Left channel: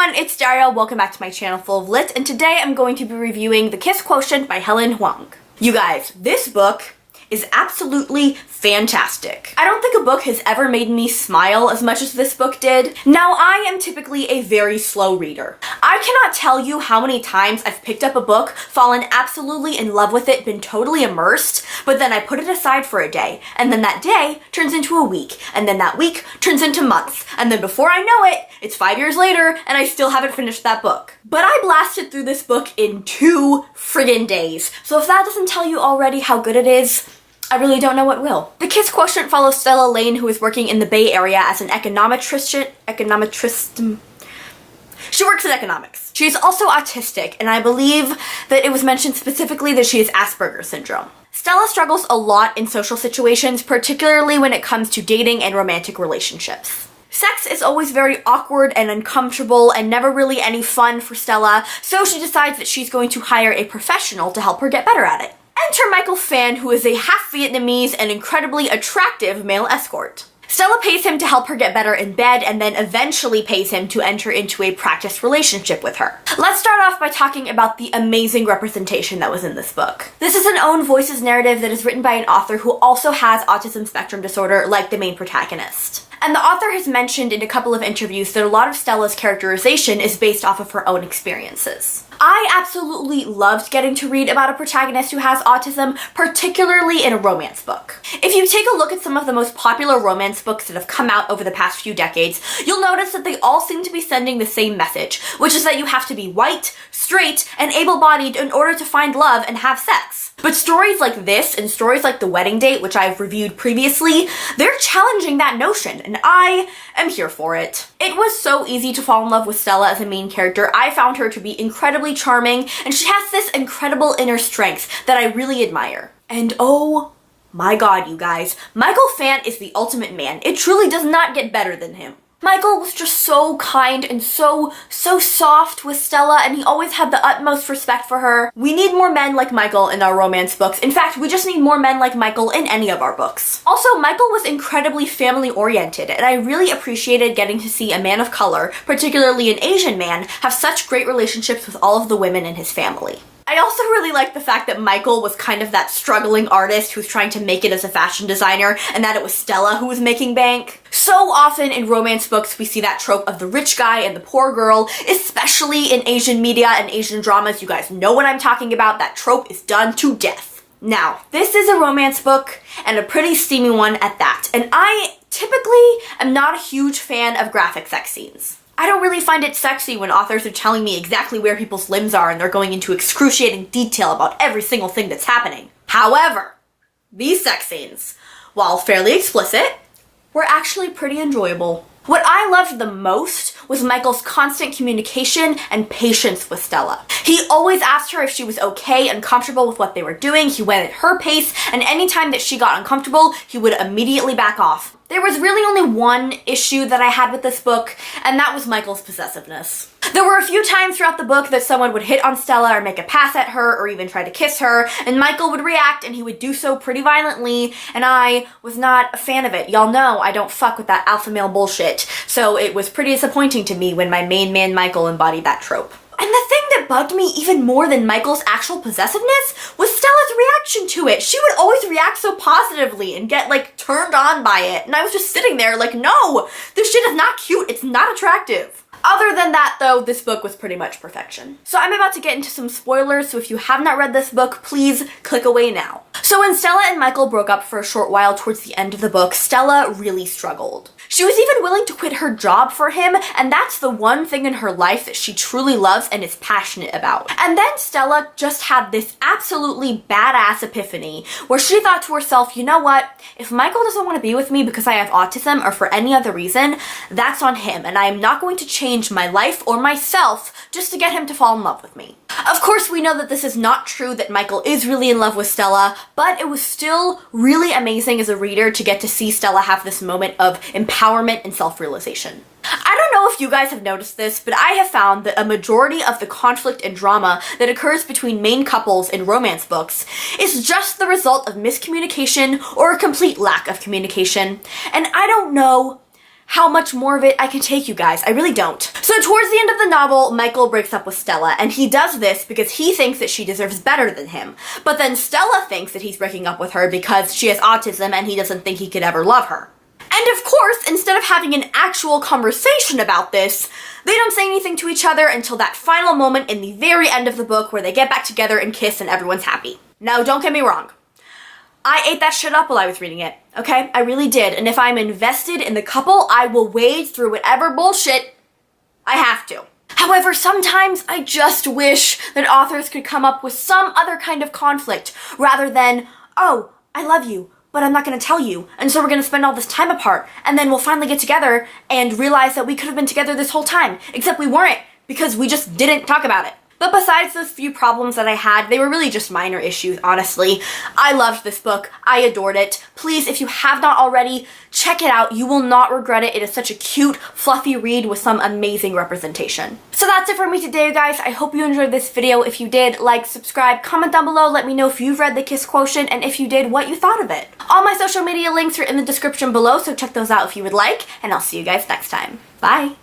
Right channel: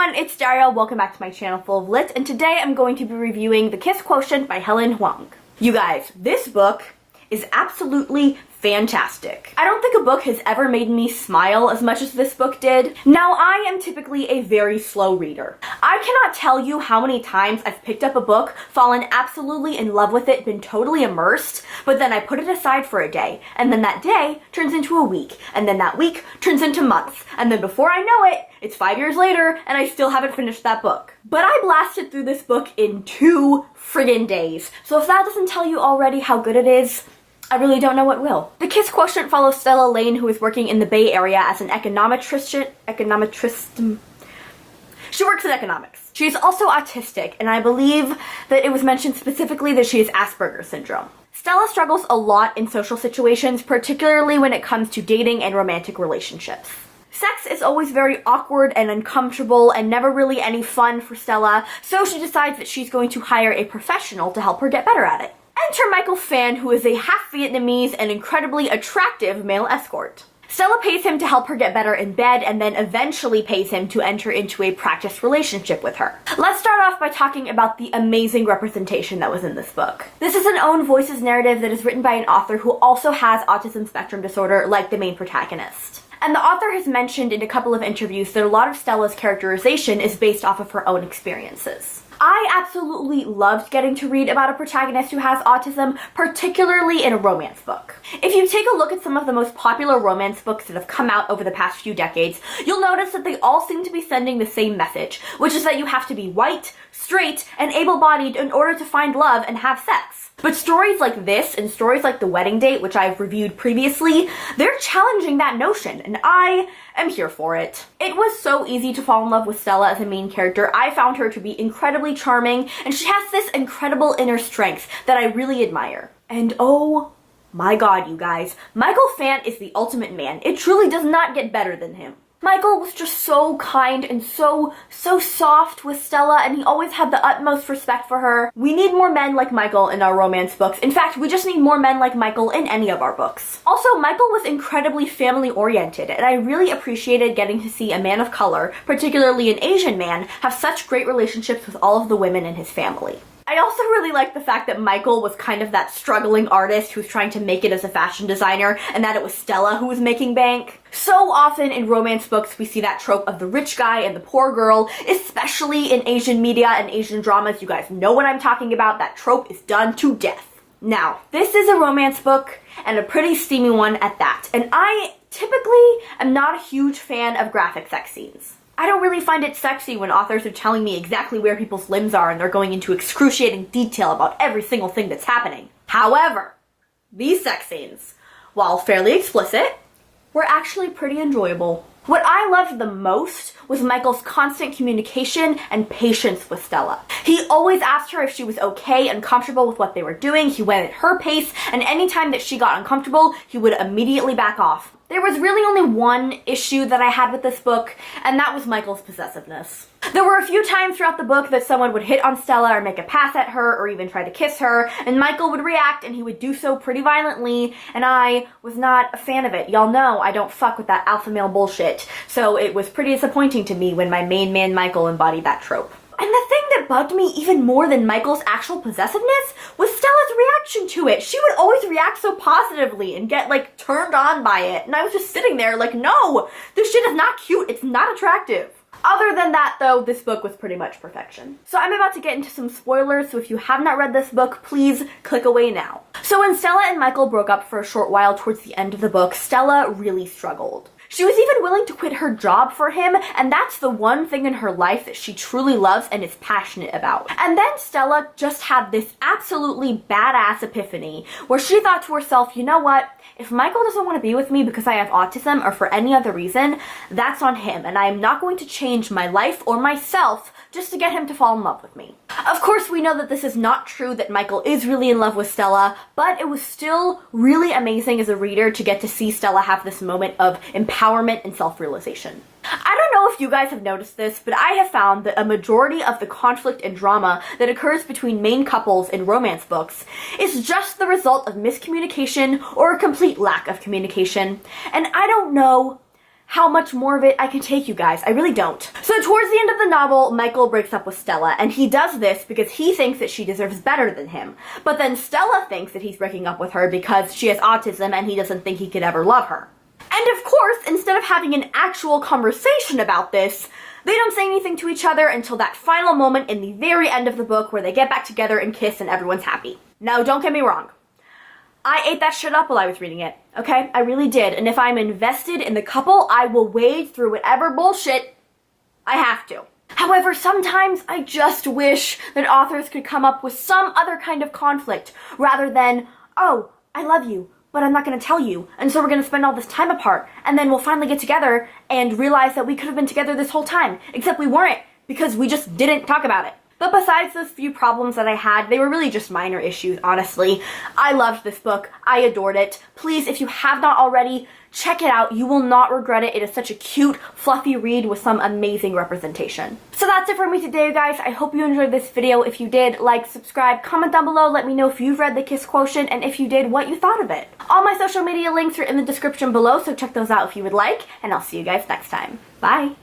everyone, it's Daria. Welcome back to my channel Full of Lit, and today I'm going to be reviewing The Kiss Quotient by Helen Huang. You guys, this book is absolutely fantastic. I don't think a book has ever made me smile as much as this book did. Now, I am typically a very slow reader. I cannot tell you how many times I've picked up a book, fallen absolutely in love with it, been totally immersed, but then I put it aside for a day, and then that day turns into a week, and then that week turns into months, and then before I know it, it's 5 years later, and I still haven't finished that book. But I blasted through this book in 2 friggin' days, so if that doesn't tell you already how good it is, I really don't know what will. The Kiss Quotient follows Stella Lane, who is working in the Bay Area as an econometrist. She works in economics. She is also autistic, and I believe that it was mentioned specifically that she has Asperger's syndrome. Stella struggles a lot in social situations, particularly when it comes to dating and romantic relationships. Sex is always very awkward and uncomfortable and never really any fun for Stella, so she decides that she's going to hire a professional to help her get better at it. Enter Michael Phan, who is a half Vietnamese and incredibly attractive male escort. Stella pays him to help her get better in bed and then eventually pays him to enter into a practice relationship with her. Let's start off by talking about the amazing representation that was in this book. This is an own voices narrative that is written by an author who also has autism spectrum disorder like the main protagonist. And the author has mentioned in a couple of interviews that a lot of Stella's characterization is based off of her own experiences. I absolutely loved getting to read about a protagonist who has autism, particularly in a romance book. If you take a look at some of the most popular romance books that have come out over the past few decades, you'll notice that they all seem to be sending the same message, which is that you have to be white, straight, and able-bodied in order to find love and have sex. But stories like this and stories like The Wedding Date, which I've reviewed previously, they're challenging that notion, and I am here for it. It was so easy to fall in love with Stella as a main character. I found her to be incredibly charming, and she has this incredible inner strength that I really admire. And oh my god, you guys, Michael Phan is the ultimate man. It truly does not get better than him. Michael was just so kind and so soft with Stella, and he always had the utmost respect for her. We need more men like Michael in our romance books. In fact, we just need more men like Michael in any of our books. Also, Michael was incredibly family-oriented, and I really appreciated getting to see a man of color, particularly an Asian man, have such great relationships with all of the women in his family. I also really like the fact that Michael was kind of that struggling artist who's trying to make it as a fashion designer, and that it was Stella who was making bank. So often in romance books we see that trope of the rich guy and the poor girl, especially in Asian media and Asian dramas. You guys know what I'm talking about. That trope is done to death. Now, this is a romance book, and a pretty steamy one at that, and I typically am not a huge fan of graphic sex scenes. I don't really find it sexy when authors are telling me exactly where people's limbs are and they're going into excruciating detail about every single thing that's happening. However, these sex scenes, while fairly explicit, were actually pretty enjoyable. What I loved the most was Michael's constant communication and patience with Stella. He always asked her if she was okay and comfortable with what they were doing. He went at her pace, and anytime that she got uncomfortable, he would immediately back off. There was really only one issue that I had with this book, and that was Michael's possessiveness. There were a few times throughout the book that someone would hit on Stella or make a pass at her or even try to kiss her, and Michael would react, and he would do so pretty violently, and I was not a fan of it. Y'all know I don't fuck with that alpha male bullshit, so it was pretty disappointing to me when my main man Michael embodied that trope. And the thing that bugged me even more than Michael's actual possessiveness was Stella's reaction to it. She would always react so positively and get like turned on by it. And I was just sitting there like, no, this shit is not cute. It's not attractive. Other than that though, this book was pretty much perfection. So I'm about to get into some spoilers, so if you have not read this book, please click away now. So when Stella and Michael broke up for a short while towards the end of the book, Stella really struggled. She was even willing to quit her job for him, and that's the one thing in her life that she truly loves and is passionate about. And then Stella just had this absolutely badass epiphany where she thought to herself, you know what? If Michael doesn't want to be with me because I have autism or for any other reason, that's on him, and I am not going to change my life or myself just to get him to fall in love with me. Of course, we know that this is not true, that Michael is really in love with Stella, but it was still really amazing as a reader to get to see Stella have this moment of empowerment and self-realization. I don't know if you guys have noticed this, but I have found that a majority of the conflict and drama that occurs between main couples in romance books is just the result of miscommunication or a complete lack of communication, and I don't know how much more of it I can take, you guys. I really don't. So towards the end of the novel, Michael breaks up with Stella, and he does this because he thinks that she deserves better than him. But then Stella thinks that he's breaking up with her because she has autism and he doesn't think he could ever love her. And of course, instead of having an actual conversation about this, they don't say anything to each other until that final moment in the very end of the book where they get back together and kiss and everyone's happy. Now, don't get me wrong. I ate that shit up while I was reading it, okay? I really did. And if I'm invested in the couple, I will wade through whatever bullshit I have to. However, sometimes I just wish that authors could come up with some other kind of conflict rather than, oh, I love you, but I'm not gonna tell you, and so we're gonna spend all this time apart, and then we'll finally get together and realize that we could have been together this whole time, except we weren't, because we just didn't talk about it. But besides those few problems that I had, they were really just minor issues, honestly. I loved this book. I adored it. Please, if you have not already, check it out. You will not regret it. It is such a cute, fluffy read with some amazing representation. So that's it for me today, you guys. I hope you enjoyed this video. If you did, like, subscribe, comment down below. Let me know if you've read The Kiss Quotient, and if you did, what you thought of it. All my social media links are in the description below, so check those out if you would like, and I'll see you guys next time. Bye!